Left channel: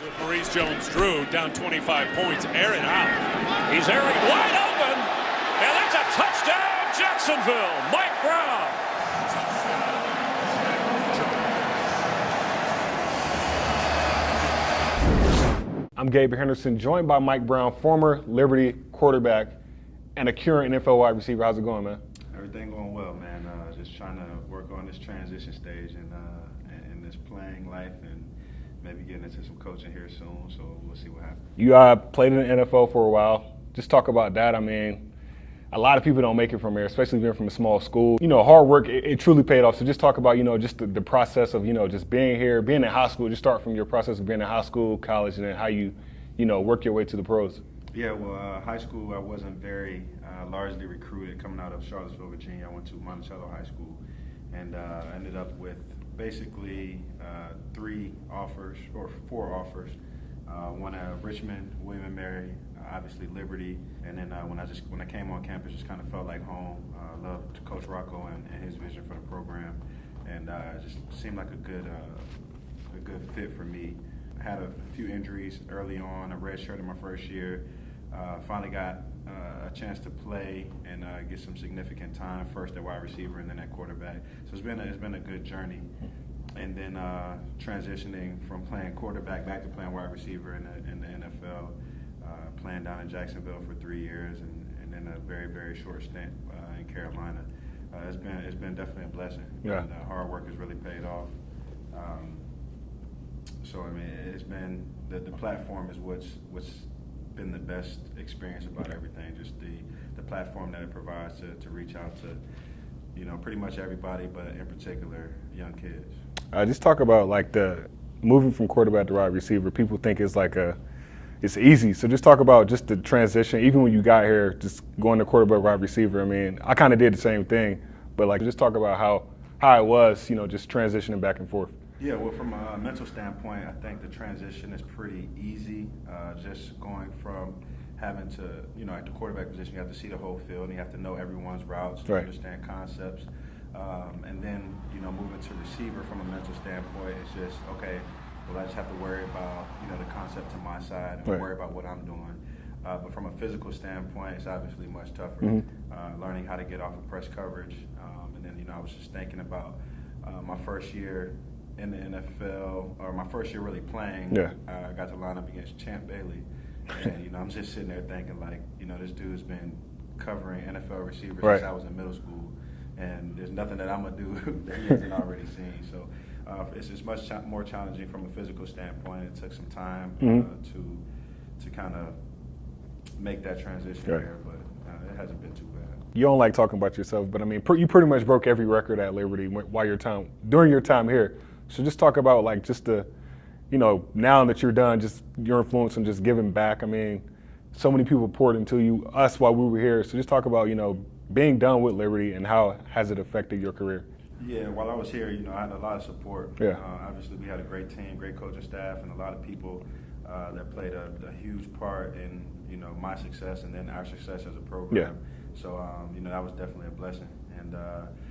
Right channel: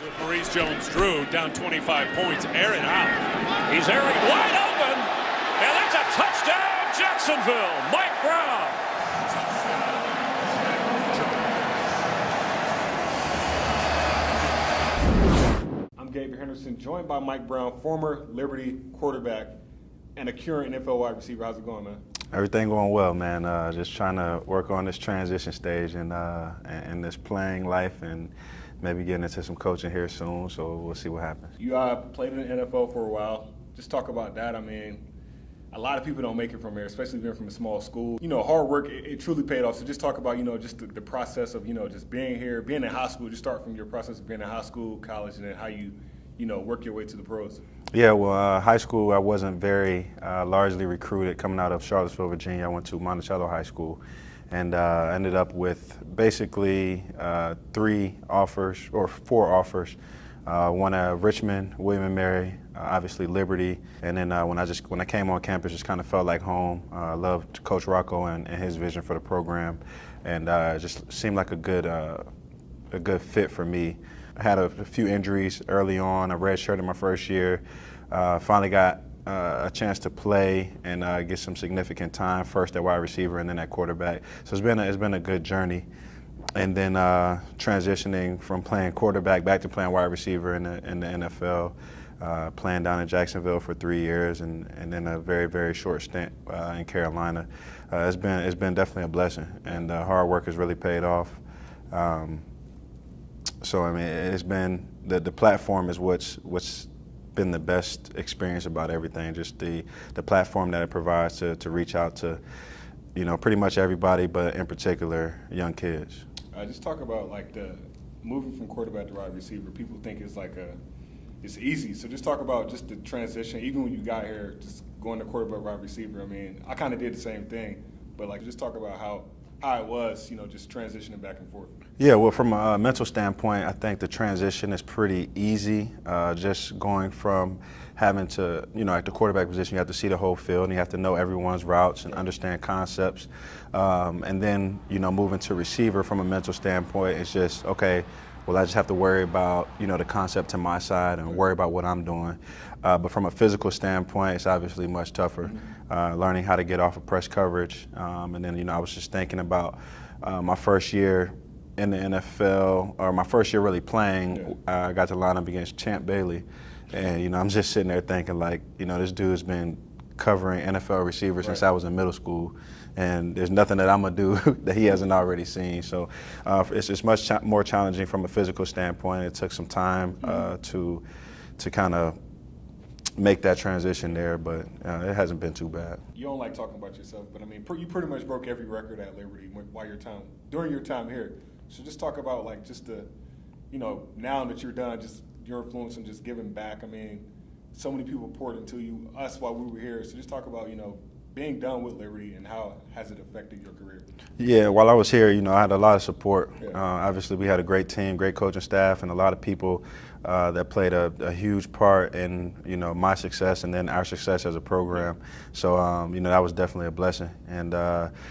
With Maurice Jones-Drew down 25 points, Aaron out. He's airing wide open, and that's a touchdown, Jacksonville. Mike Brown. I'm Gabe Henderson, joined by Mike Brown, former Liberty quarterback and a current NFL wide receiver. How's it going, man? Everything going well, man. Just trying to work on this transition stage and this playing life, and maybe getting into some coaching here soon. So we'll see what happens. You played in the NFL for a while. Just talk about that. I mean, a lot of people don't make it from there, especially being from a small school. You know, hard work, it truly paid off. So just talk about, just the process of, just being here, being in high school. Just start from your process of being in high school, college, and then how you, work your way to the pros. Yeah, well, high school, I wasn't very largely recruited. Coming out of Charlottesville, Virginia, I went to Monticello High School, and ended up with basically 4 offers. One at Richmond, William & Mary, obviously Liberty, and then when I came on campus, just kind of felt like home. Loved Coach Rocco and his vision for the program, and just seemed like a good fit for me. I had a few injuries early on. I redshirted my first year. Finally got a chance to play and get some significant time, first at wide receiver and then at quarterback. So it's been a good journey. And then transitioning from playing quarterback back to playing wide receiver in the NFL, playing down in Jacksonville for 3 years, and then a very, very short stint in Carolina. It's been definitely a blessing, yeah. And hard work has really paid off. So I mean, it's been the platform is what's been the best experience about everything. Just the platform that it provides to reach out to, pretty much everybody, but in particular young kids. Just talk about like the moving from quarterback to wide receiver. People think it's it's easy. So just talk about just the transition. Even when you got here, just going to quarterback, wide receiver. I mean, I kind of did the same thing, but just talk about how it was, just transitioning back and forth. Yeah, well, from a mental standpoint, I think the transition is pretty easy. Just going from having to, at the quarterback position, you have to see the whole field and you have to know everyone's routes and understand concepts. And then, moving to receiver from a mental standpoint, it's just, okay, well, I just have to worry about, the concept to my side and worry about what I'm doing. But from a physical standpoint, it's obviously much tougher. Mm-hmm. Learning how to get off of press coverage. And then, I was just thinking about my first year in the NFL, or my first year really playing. Yeah. I got to line up against Champ Bailey. And, I'm just sitting there thinking this dude's been covering NFL receivers since I was in middle school. And there's nothing that I'm going to do that he hasn't already seen. So it's just much more challenging from a physical standpoint. It took some time to kind of make that transition there, but it hasn't been too bad. You don't like talking about yourself, but I mean, you pretty much broke every record at Liberty during your time here. So just talk about just the, now that you're done, just your influence and just giving back. I mean, so many people poured into you, us while we were here. So just talk about, being done with Liberty and how has it affected your career? Yeah, while I was here, I had a lot of support. Yeah. Obviously, we had a great team, great coaching staff, and a lot of people that played a huge part in, my success and then our success as a program. Yeah. So, that was definitely a blessing. And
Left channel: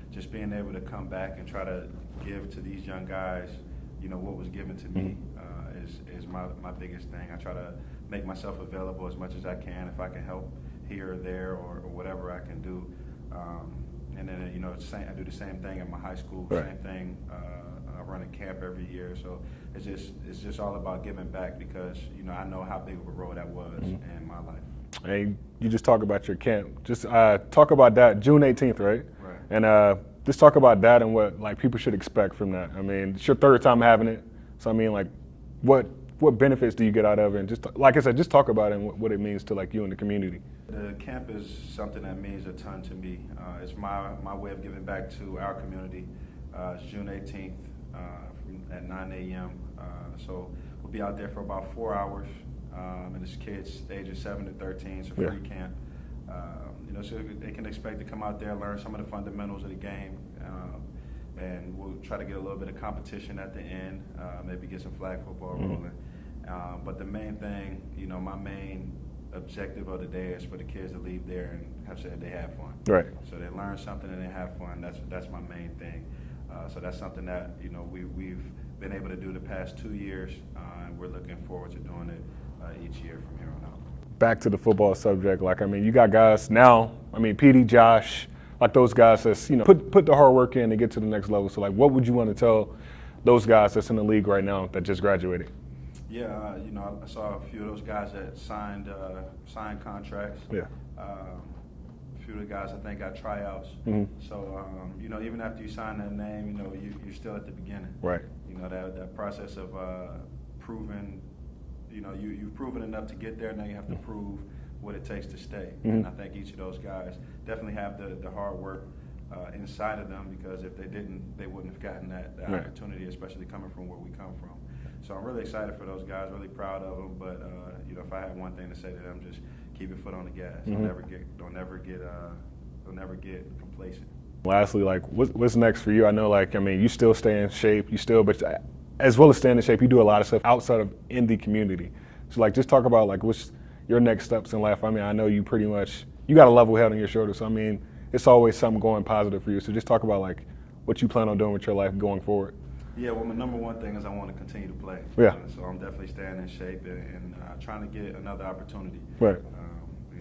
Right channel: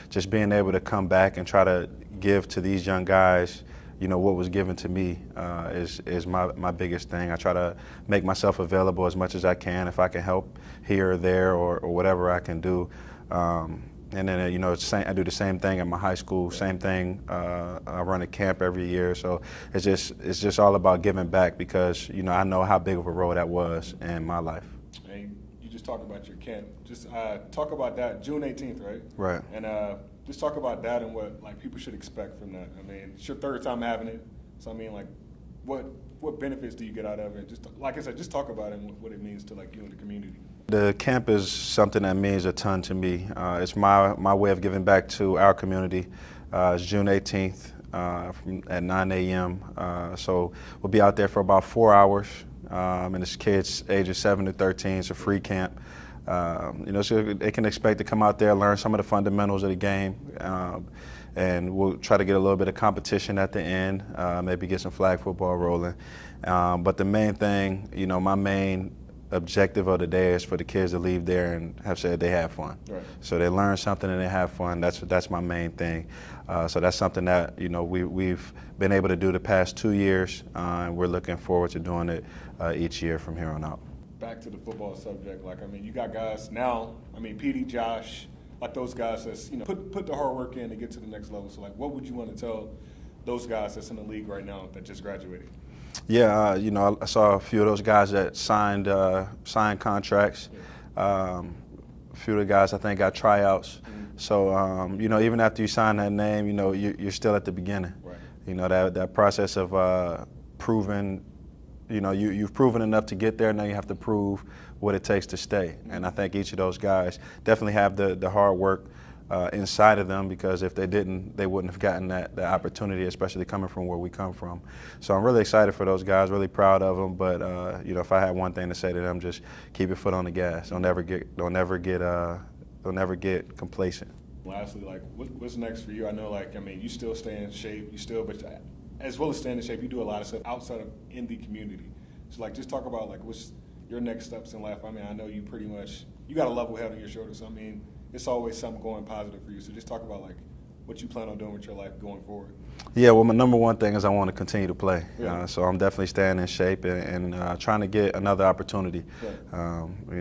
just being able to come back and try to give to these young guys, what was given to me is my biggest thing. I try to make myself available as much as I can if I can help here or there or whatever I can do. And then, I do the same thing at my high school, same thing. I run a camp every year. So it's just all about giving back because, I know how big of a role that was in my life. Hey, you just talk about your camp. Just talk about that, June 18th, right? Right. And just talk about that and what people should expect from that. I mean, it's your third time having it. So, I mean, what benefits do you get out of it? And just, like I said, just talk about it and what it means to, you and the community. The camp is something that means a ton to me. It's my way of giving back to our community. It's June 18th at 9 a.m. So we'll be out there for about 4 hours. And it's kids ages 7 to 13. It's a free camp. So they can expect to come out there, learn some of the fundamentals of the game, and we'll try to get a little bit of competition at the end, maybe get some flag football rolling. But the main thing, my main objective of the day is for the kids to leave there and have said they had fun. Right. So they learn something and they have fun. That's my main thing. So that's something that we've been able to do the past 2 years, and we're looking forward to doing it each year from here on out. Back to the football subject, like, I mean, you got guys now, I mean, PD, Josh, like those guys that's, put the hard work in to get to the next level. So, like, what would you want to tell those guys that's in the league right now that just graduated? Yeah, I saw a few of those guys that signed contracts. Yeah. A few of the guys I think got tryouts. Mm-hmm. So, even after you sign that name, you're still at the beginning. Right. That process of proving, you've proven enough to get there. Now you have to prove what it takes to stay. Mm-hmm. And I think each of those guys definitely have the hard work inside of them, because if they didn't, they wouldn't have gotten that opportunity, especially coming from where we come from. So I'm really excited for those guys, really proud of them. But if I had one thing to say to them, just keep your foot on the gas. Mm-hmm. Don't never get complacent. Lastly, like, what's next for you? I know, like, I mean, you still stay in shape, but as well as staying in shape, you do a lot of stuff outside of in the community. So, like, just talk about, like, what's your next steps in life. I mean, I know you got a level head on your shoulders. So, I mean, it's always something going positive for you. So just talk about, like, what you plan on doing with your life going forward. Yeah, well, my number one thing is I want to continue to play. Yeah. So I'm definitely staying in shape and trying to get another opportunity. Right.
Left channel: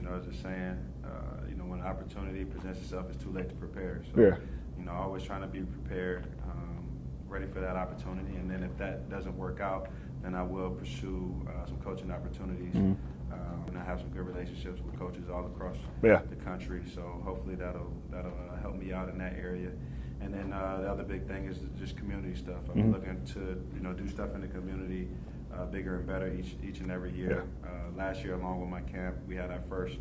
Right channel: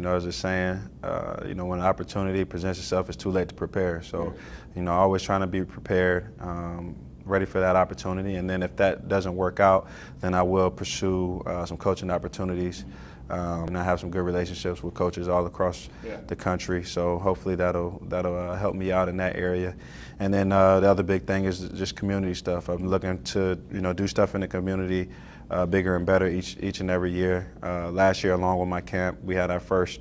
As a saying, when an opportunity presents itself, it's too late to prepare. So, always trying to be prepared, ready for that opportunity. And then if that doesn't work out, then I will pursue some coaching opportunities. Mm-hmm. And I have some good relationships with coaches all across the country. So hopefully that'll help me out in that area. And then the other big thing is just community stuff. I'm looking to do stuff in the community bigger and better each and every year. Last year, along with my camp, we had our first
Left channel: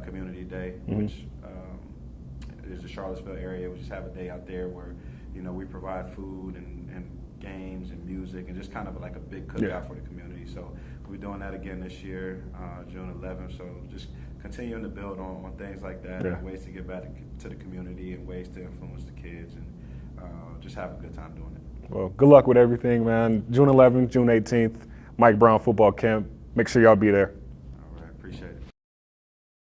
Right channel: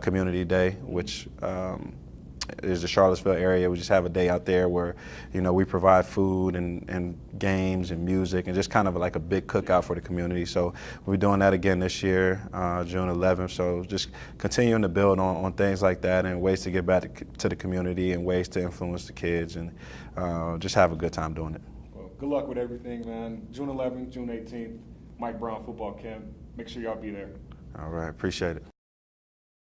community day, which is the Charlottesville area. We just have a day out there where we provide food and games and music and just kind of like a big cookout for the community. So we're doing that again this year, June 11th. So just continuing to build on things like that and ways to get back to the community and ways to influence the kids and just have a good time doing it. Well, good luck with everything, man. June 11th, June 18th, Mike Brown football camp. Make sure y'all be there. All right, appreciate it.